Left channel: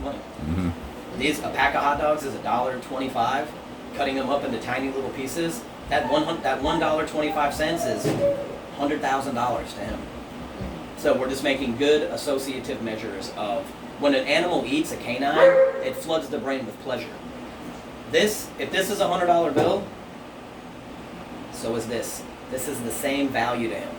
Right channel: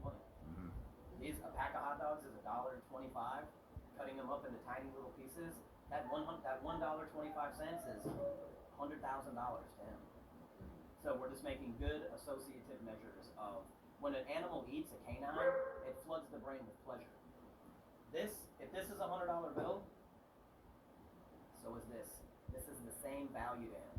of money. Mm-hmm. A pack of hot dogs is $1.25. Cutting them up into tiny little pieces, that $1.25 is $100,000 to him. So we're just making good associative measures of when an animal eats a canine, it floods the brain with pleasure. If this is a $100 bill, so is this. This is the same value to him.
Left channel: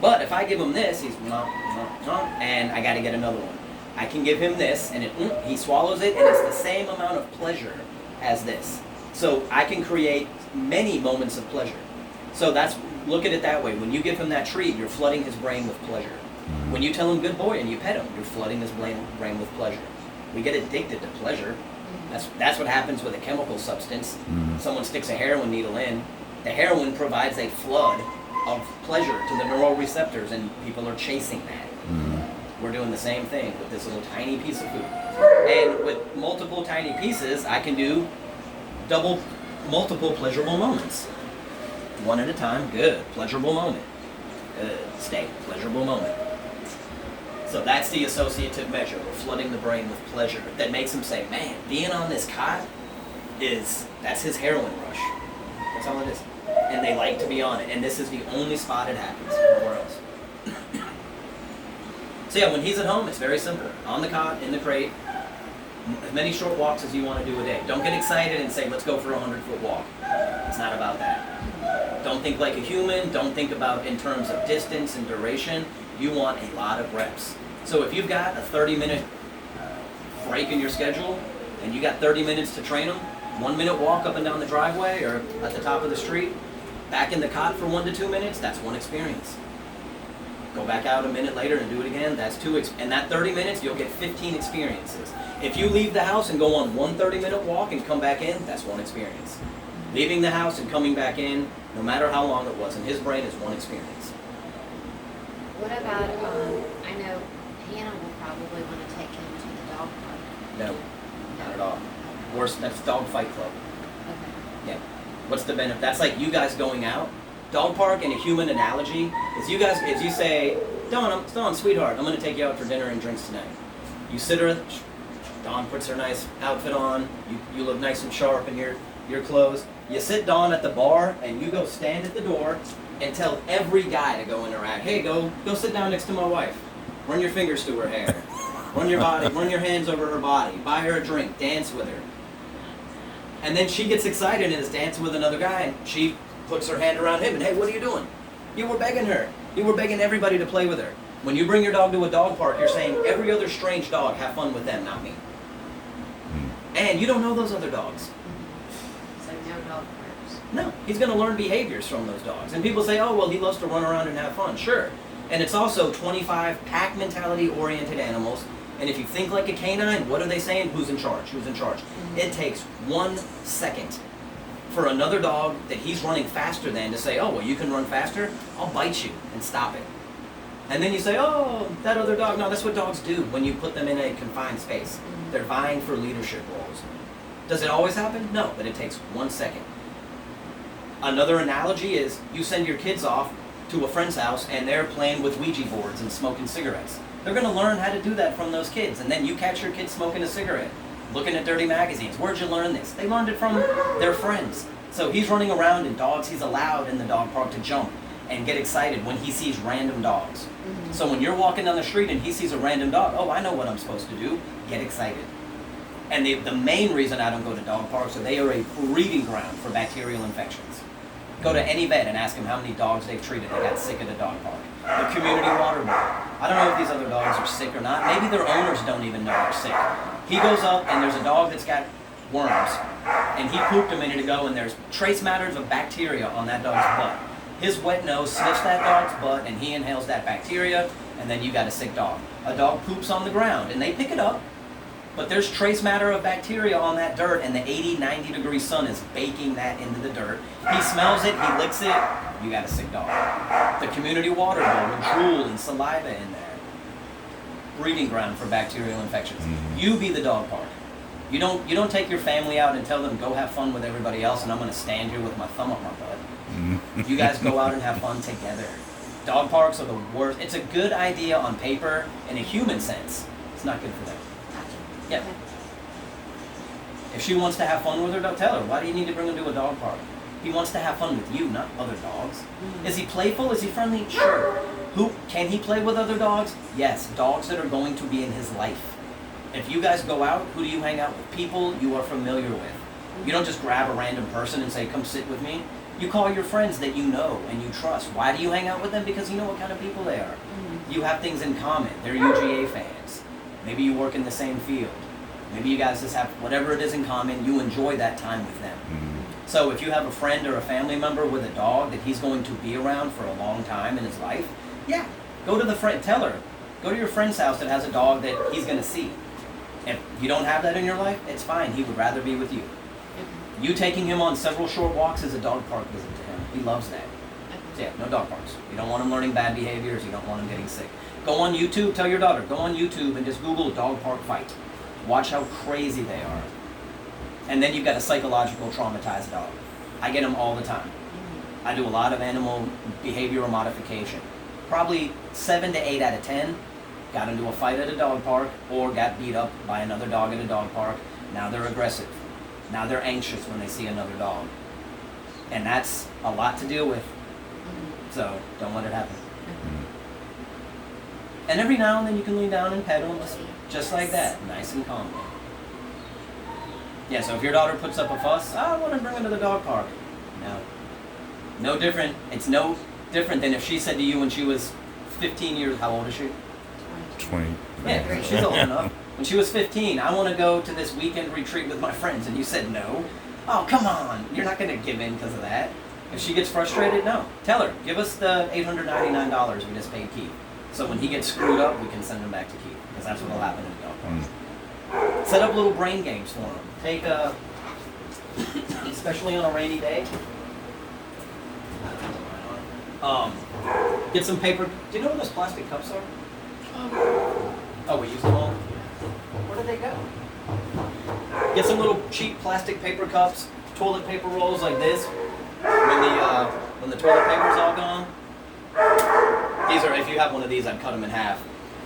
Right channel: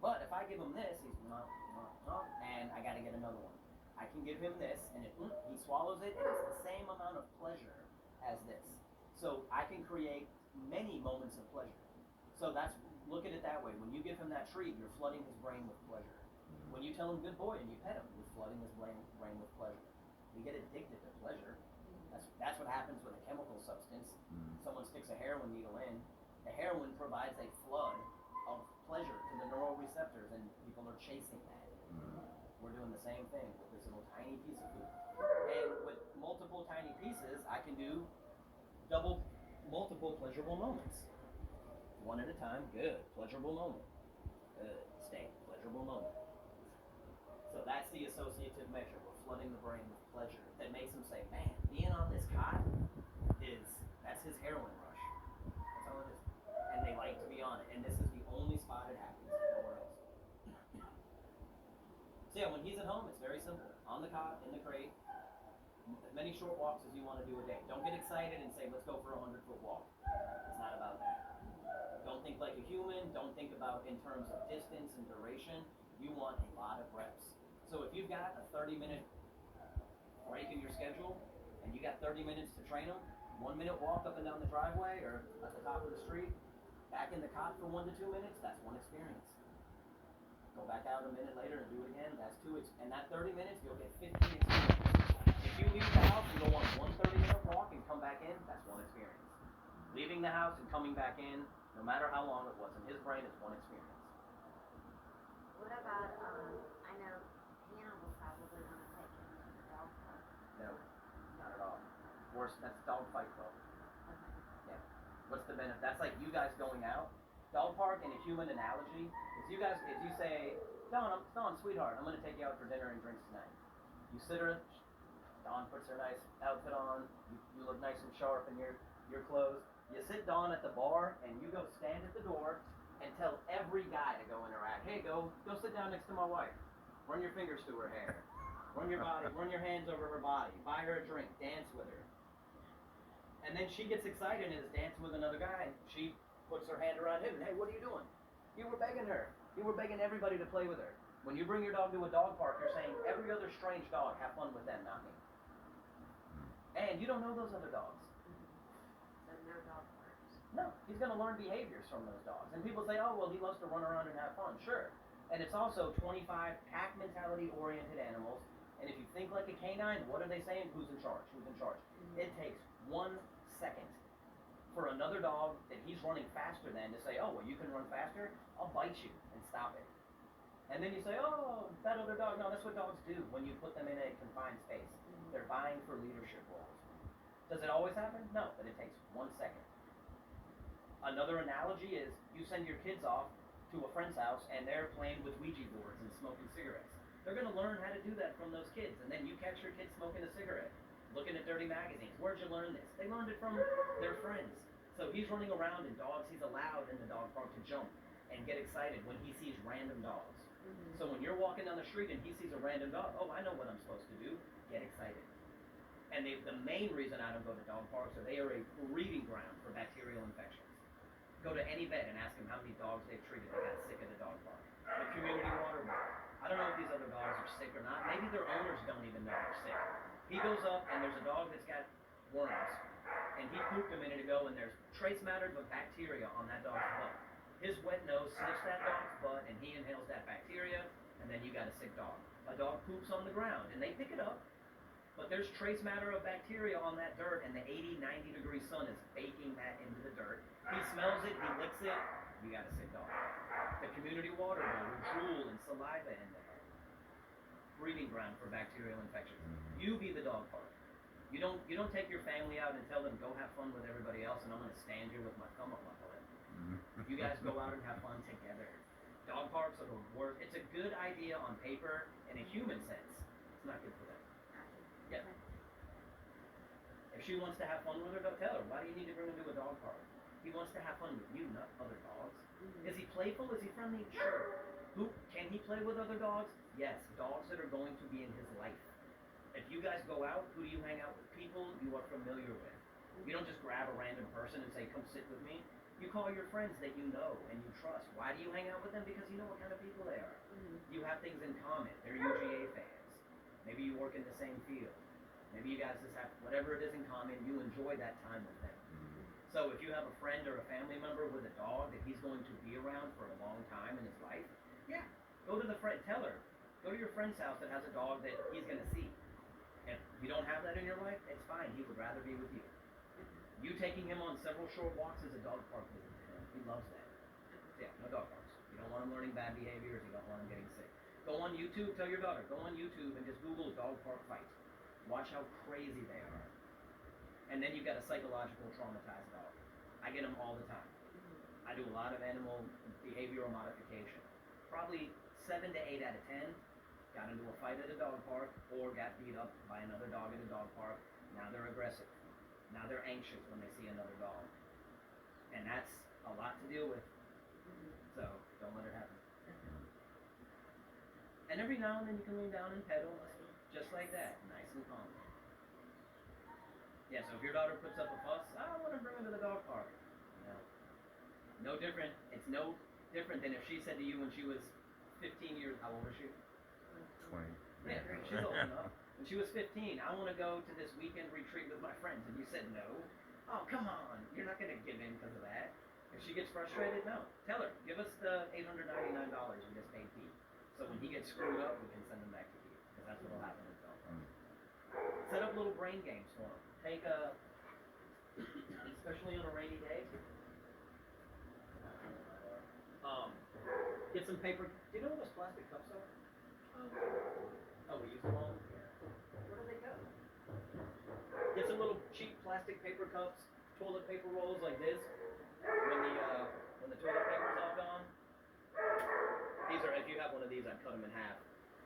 But if I give him this, he's and I got to get another one. I can give him this, and he swallows it, and it's the same amount of pleasure as this. So I can create many moments of pleasure. So look at it that way. When you give him that treat, you're flooding his brain with pleasure. Mm-hmm. When you tell him good boy and you pet him, you're flooding his brain with pleasure. We get addicted to pleasure. That's what happens with a chemical substance. Mm-hmm. Someone sticks a heroin needle in. The heroin provides a flood of pleasure to the neural receptors, and people are chasing that. Mm-hmm. We're doing the same thing with this little tiny piece of food. And with multiple tiny pieces, I can do multiple pleasurable moments. One at a time, good, pleasurable moment. Good, steak, pleasurable moment. So that's the associative measure. We're flooding the brain with pleasure. That makes him say, man, being on this cot that's his heroin rush. That's all it is. And they like to be on it. And this is the only spot it happens, nowhere else. So yeah, when he's at home, it's very simple. On the cot, in the crate, as many short walks as you want to do a day. Don't get excited and say, let's go for a 100-foot walk. It's not about that. Don't think like a human. Don't think about in terms of distance and duration. You want a lot of reps. So if you've got a 30-minute break in your schedule, and you got 30 minutes to train them, 1 minute walk up and down the driveway or at the top of the street, back in the cot for 1 to 2 minutes, that's one experience. Go back out a minute later and do it again, that's two. And that 30 minutes, you'll get 15 experiences. If you leave the house and go on one 30-minute walk and come back in, that's one experience. Leaving the house and coming back in, no matter how long it was, in his brain is one experience. What about, I know Hannah will probably want to take him to the dog park. No, not at all. Worse, that's dog fight club. Okay. Yeah. What's the benefit? That's like you guys going out. Dog park, in a human analogy, is you say, Dawn, sweetheart, I'm going to take you out for dinner and drinks tonight. You sit her, Dawn puts her nice outfit on, you look nice and sharp in your clothes. You sit Dawn at the bar, and you go stand at the door and tell every guy to go interact. Hey, go sit down next to my wife. Run your fingers through her hair. Run your hands over her body. Buy her a drink. Dance with her. And then she gets excited and is dancing with another guy, and she puts her hand around him and, hey, what are you doing? You were begging her. You were begging everybody to play with her. When you bring your dog to a dog park, you're saying every other strange dog, have fun with them, not me. And you don't know those other dogs. So no dog parks. No, he's going to learn behaviors from those dogs. And people say, oh, well, he loves to run around and have fun. Sure. And it's also 25 pack mentality oriented animals. And if you think like a canine, what are they saying? Who's in charge? Who's in charge? Mm-hmm. It takes 1 second for another dog that he's running faster than to say, oh, well, you can run faster? I'll bite you and stop it. And then you say, oh, that other dog. No, that's what dogs do when you put them in a confined space. Mm-hmm. They're vying for leadership roles. Does it always happen? No, but it takes 1 second. Another analogy is you send your kids off to a friend's house and they're playing with Ouija boards and smoking cigarettes. They're going to learn how to do that from those kids. And then you catch your kids smoking a cigarette, looking at dirty magazines. Where'd you learn this? They learned it from their friends. So he's running around in dogs. He's allowed in the dog park to jump and get excited when he sees random dogs. Mm-hmm. So when you're walking down the street and he sees a random dog, oh, I know what I'm supposed to do. Get excited. And the main reason I don't go to dog parks is they are a breeding ground for bacterial infections. Go to any vet and ask them how many dogs they've treated that got sick at a dog park. The community water board. I don't know if these other dogs are sick or not. Maybe their owners don't even know they're sick. He goes up and there's a dog that's got worms. And he pooped a minute ago and there's trace matters of bacteria on that dog's butt. His wet nose sniffs that dog's butt and he inhales that bacteria, and then you got a sick dog. A dog poops on the ground and they pick it up, but there's trace matter of bacteria on that dirt, and the 80, 90 degree sun is baking that into the dirt. He smells it, he licks it, you got a sick dog. The community water bowl with drool and saliva in there. Breeding ground for bacterial infections. Mm-hmm. You be the dog park. You don't take your family out and tell them, go have fun with everybody else and I'm going to stand here with my thumb up my butt. Mm-hmm. You guys go out and have fun together. Dog parks are the worst. It's a good idea on paper in a human sense. It's not good for them. Gotcha. Yeah. Okay. If she wants to have fun with her dog, tell her, why do you need to bring him to a dog park? He wants to have fun with you, not other dogs. Is he playful? Is he friendly? Sure. Can he play with other dogs? Yes, dogs that are going to be in his life. If you guys go out, who do you hang out with? People you are familiar with. You don't just grab a random person and say, come sit with me. You call your friends that you know and you trust. Why do you hang out with them? Because you know what kind of people they are. You have things in common. They're UGA fans. Maybe you work in the same field. Maybe you guys just have whatever it is in common. You enjoy that time with them. So if you have a friend or a family member with a dog that he's going to be around for a long time in his life, yeah, go to the friend, tell her, go to your friend's house that has a dog that he's going to see. If you don't have that in your life, it's fine. He would rather be with you. You taking him on several short walks is a dog park visit to him. He loves that. So yeah, no dog parks. You don't want him learning bad behaviors. You don't want him getting sick. Go on YouTube. Tell your daughter, go on YouTube and just Google dog park fight. Watch how crazy they are. And then you've got a psychological traumatized dog. I get them all the time. I do a lot of animal behavioral modification. Probably 7 to 8 out of 10 got into a fight at a dog park or got beat up by another dog at a dog park. Now they're aggressive. Now they're anxious when they see another dog. And that's a lot to deal with. So don't let it happen. And every now and then you can lean down and pet them just like that, nice and calm. Yeah, so if your daughter puts up a fuss, I want to bring her to the dog park. No. No different. It's no different than if she said to you when she was 15 years, how old is she? 20. Yeah, she's old enough. When she was 15, I want to go to this weekend retreat with my friends, and you said no. Oh, come on. You're not going to give in because of that. If she gets frustrated, no. Tell her, give us the $899 we just paid Keith. So when he gets screwed up, we can send him back to Keith, because that's what will happen in the dog park. Set up little brain games for him. Take especially on a rainy day, get some paper. Do you know where those plastic cups are? Oh, we used them all? Where did they go? Get some little cheap plastic paper cups, toilet paper rolls like this. When the toilet paper's all gone. These are, if you have one of these, I'd cut them in half.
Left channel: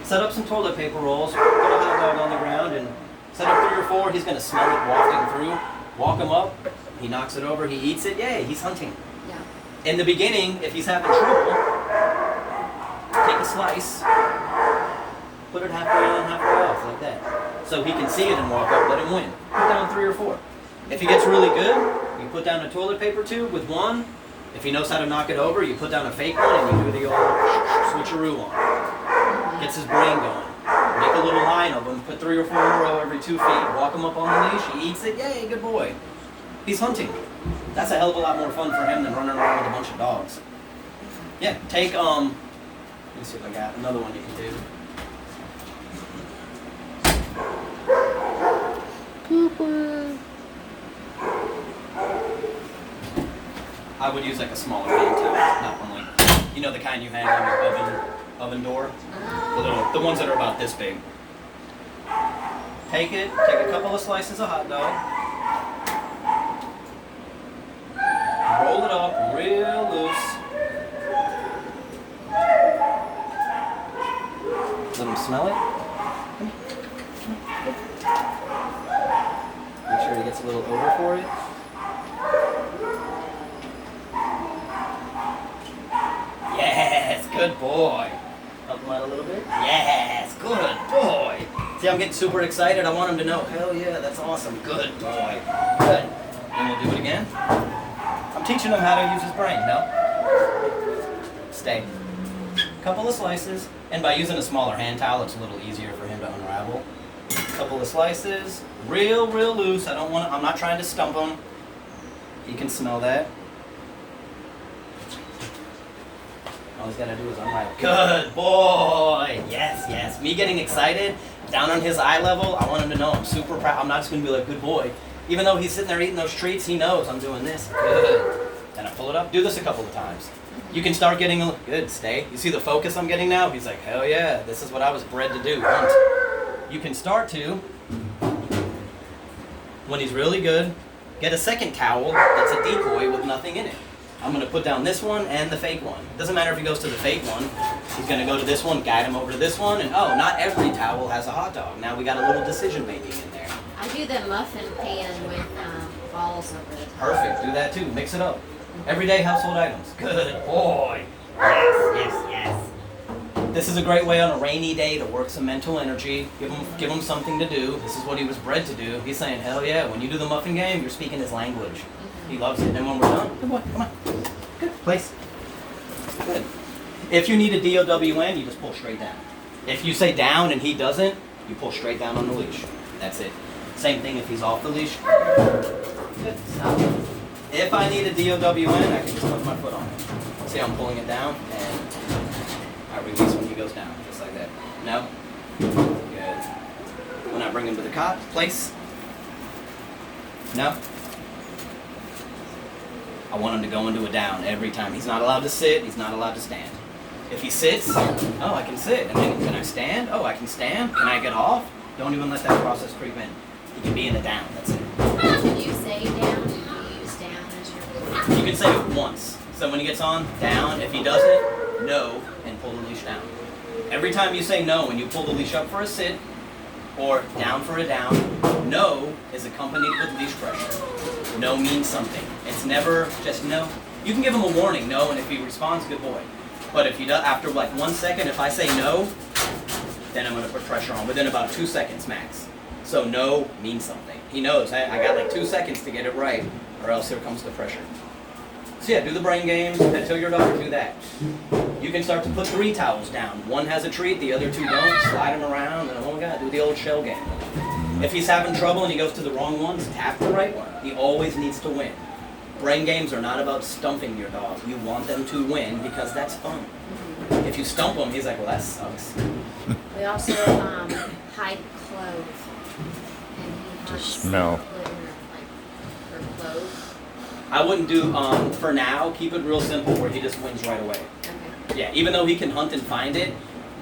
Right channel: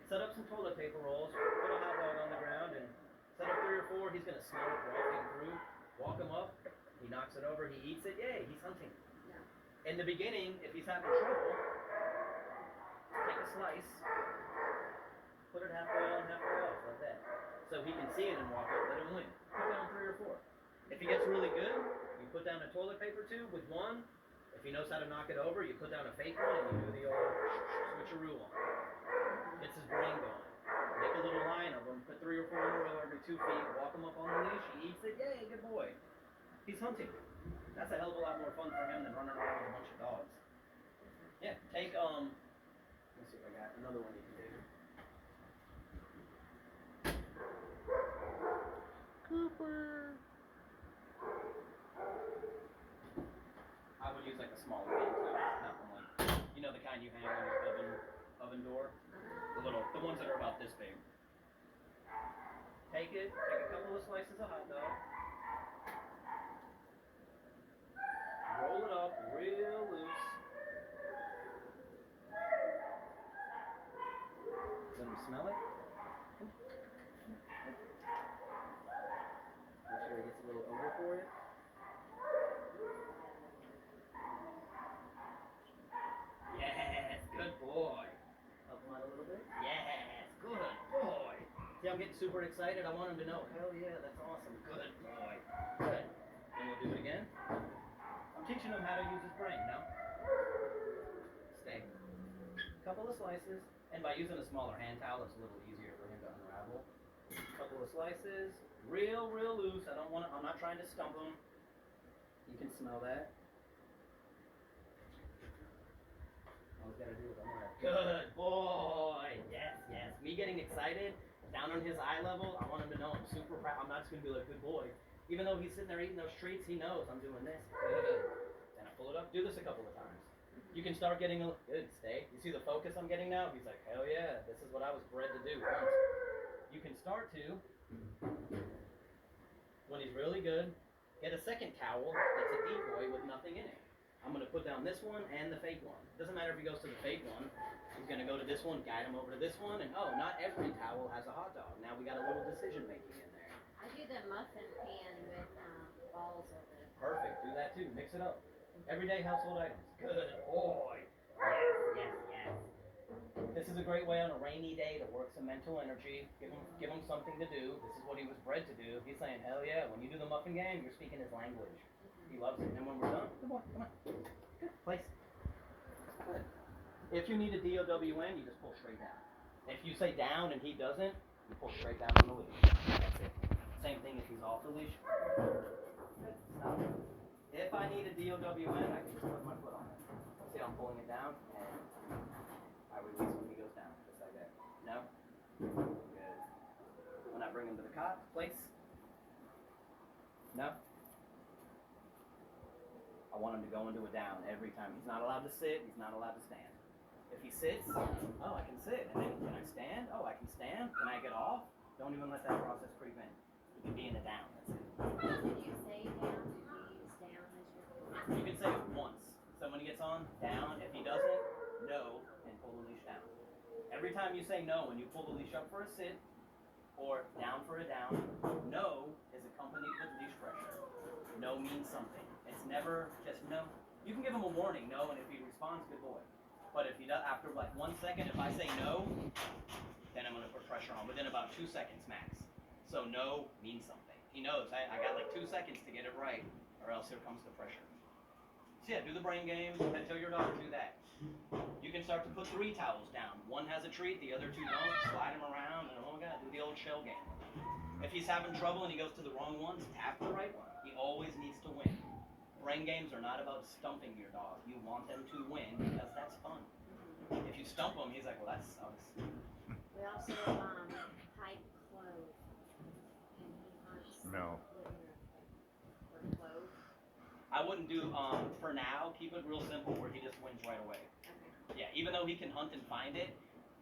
Set up some toilet paper rolls, put a hot dog on the ground, and set up 3 or 4. He's going to smell it wafting through. Walk him up. He knocks it over. He eats it. Yay, he's hunting. Yeah. In the beginning, if he's having trouble, take a slice, put it halfway on, halfway off, like that. So he can see it and walk up, let him win. Put down 3 or 4. If he gets really good, you put down a toilet paper tube with one. If he knows how to knock it over, you put down a fake one and you do the old switcheroo on. Gets his brain going. Make a little line of them, put 3 or 4 in a row every 2 feet, walk him up on the leash, he eats it, yay, good boy. He's hunting. That's a hell of a lot more fun for him than running around with a bunch of dogs. Yeah, take, let me see if I got another one you can do. I would use like a smaller hand towel, not one like, you know the kind you hang on your oven door? The ones that are about this big. Take a couple of slices of hot dog. Roll it up real loose. Let him smell it. Make sure he gets a little over for it. Yes, good boy. Help him out a little bit. Yes, good boy. See, I'm getting super excited. I want him to know, hell yeah, that's awesome. Good boy. Good. And we'll do it again. I'm teaching him how to use his brain, no? Stay. Couple of slices. And by using a smaller hand towel, it's a little easier for him to unravel. Couple of slices. Real loose. I'm not trying to stump him. He can smell that. All he's got to do is unravel. Good boy! Yes. Me getting excited, down on his eye level, I want him to know I'm super proud. I'm not just going to be like, good boy. Even though he's sitting there eating those treats, he knows I'm doing this. Good. Then I pull it up. Do this a couple of times. You can start getting a good. Stay. You see the focus I'm getting now? He's like, hell yeah, this is what I was bred to do. Hunt. You can start to, when he's really good, get a second towel that's a decoy with nothing in it. I'm going to put down this one and the fake one. Doesn't matter if he goes to the fake one. He's going to go to this one, guide him over to this one, and oh, not every towel has a hot dog. Now we got a little decision making in there. I do the muffin pan with balls over the top. Perfect. Do that too. Mix it up. Everyday household items. Good boy. Yes. This is a great way on a rainy day to work some mental energy. Give him something to do. This is what he was bred to do. He's saying, hell yeah, when you do the muffin game, you're speaking his language. He loves it. And when we're done, good boy, come on. Good. Place. Good. If you need a DOWN, you just pull straight down. If you say down and he doesn't, you pull straight down on the leash. That's it. Same thing if he's off the leash. Good. Stop. If I need a DOWN, I can just put my foot on it. See how I'm pulling it down? And I release when he goes down, just like that. No? Good. When I bring him to the cot, place. No? I want him to go into a down every time. He's not allowed to sit, he's not allowed to stand. If he sits, oh, I can sit. And then can I stand? Oh, I can stand. Can I get off? Don't even let that process creep in. He can be in a down, that's it. Did you say down? Did you use down as your You can say it once. So when he gets on, down. If he doesn't, no, and pull the leash down. Every time you say no when you pull the leash up for a sit or down for a down, no is accompanied with leash pressure. No means something. It's never just no. You can give him a warning, no, and if he responds, good boy. But if he does, after like 1 second, if I say no, then I'm going to put pressure on within about 2 seconds max. So no means something. He knows, I got like 2 seconds to get it right, or else here comes the pressure. So yeah, do the brain games, tell your dog to do that. You can start to put 3 towels down. One has a treat, the other 2 don't. Slide them around, and oh my God, do the old shell game. If he's having trouble and he goes to the wrong ones, tap the right one. He always needs to win. Brain games are not about stumping your dog. You want them to win because that's fun. If you stump him, he's like, well, that sucks. We also hide clothes. And he hunts smell. for clothes. I wouldn't do, for now, keep it real simple where he just wins right away. Okay. Yeah, even though he can hunt and find it,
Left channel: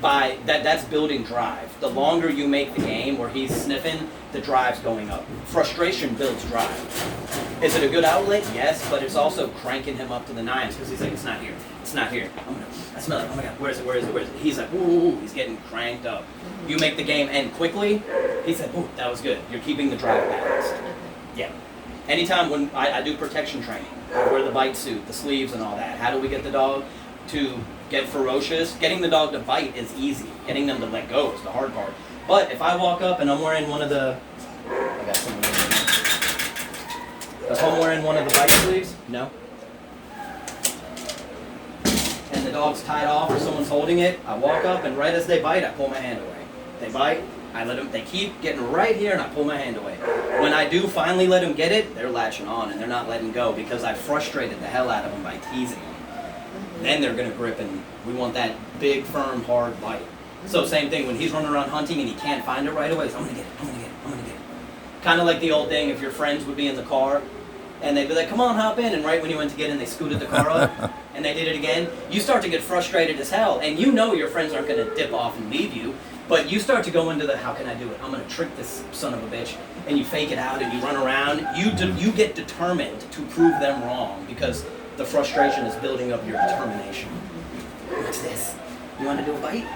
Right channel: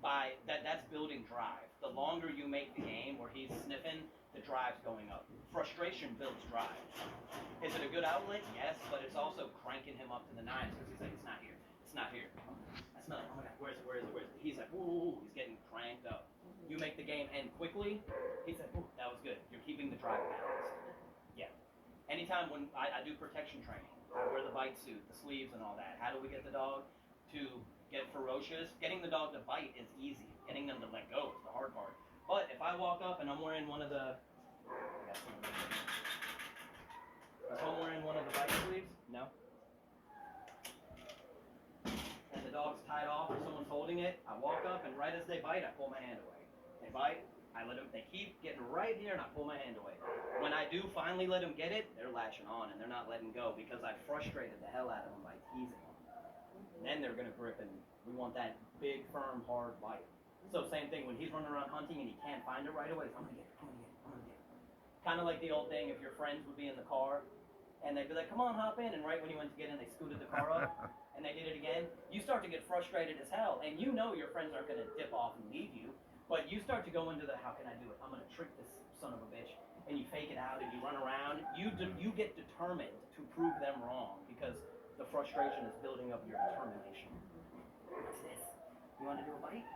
that's building drive. The longer you make the game where he's sniffing, the drive's going up. Frustration builds drive. Is it a good outlet? Yes, but it's also cranking him up to the nines because he's like, it's not here. It's not here. I smell it. Oh my God, where is it? Where is it? Where is it? He's like, ooh, he's getting cranked up. You make the game end quickly, he's like, ooh, that was good. You're keeping the drive balanced. Yeah. Anytime when I do protection training, I wear the bite suit, the sleeves and all that. How do we get the dog to get ferocious? Getting the dog to bite is easy. Getting them to let go is the hard part. But if I walk up and I'm wearing one of the, I got some. If I'm wearing one of the bite sleeves, no. And the dog's tied off or someone's holding it, I walk up and right as they bite, I pull my hand away. They bite, I let them, they keep getting right here and I pull my hand away. When I do finally let them get it, they're latching on and they're not letting go because I frustrated the hell out of them by teasing them. Then they're gonna grip and we want that big, firm, hard bite. So same thing, when he's running around hunting and he can't find it right away, he's, I'm gonna get it, I'm gonna get it, I'm gonna get it. Kind of like the old thing, if your friends would be in the car and they'd be like, come on, hop in, and right when you went to get in, they scooted the car up and they did it again, you start to get frustrated as hell, and you know your friends aren't gonna dip off and leave you, but you start to go into the, how can I do it? I'm gonna trick this son of a bitch, and you fake it out and you run around, you get determined to prove them wrong because the frustration is building up your determination. What's this? You wanna do a bite?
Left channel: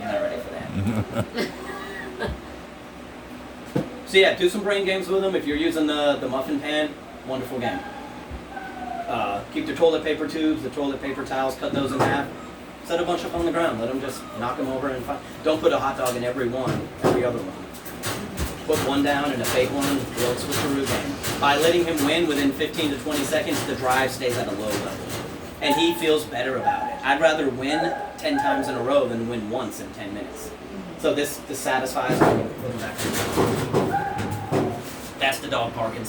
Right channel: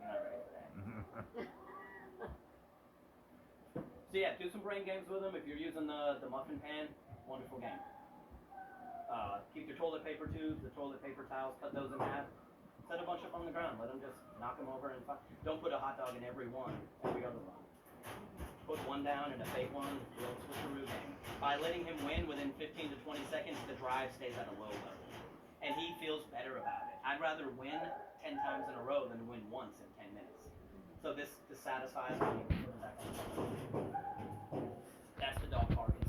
You're not ready for that. So yeah, do some brain games with them. If you're using the muffin pan, wonderful game. Keep the toilet paper tubes, the toilet paper towels, cut those in half. Set a bunch up on the ground. Let them just knock them over and find. Don't put a hot dog in every other one. Put one down and a fake one, the old switcheroo game. By letting him win within 15 to 20 seconds, the drive stays at a low level. And he feels better about it. I'd rather win 10 times in a row than win once in 10 minutes. So this satisfies me. That's the dog park inside.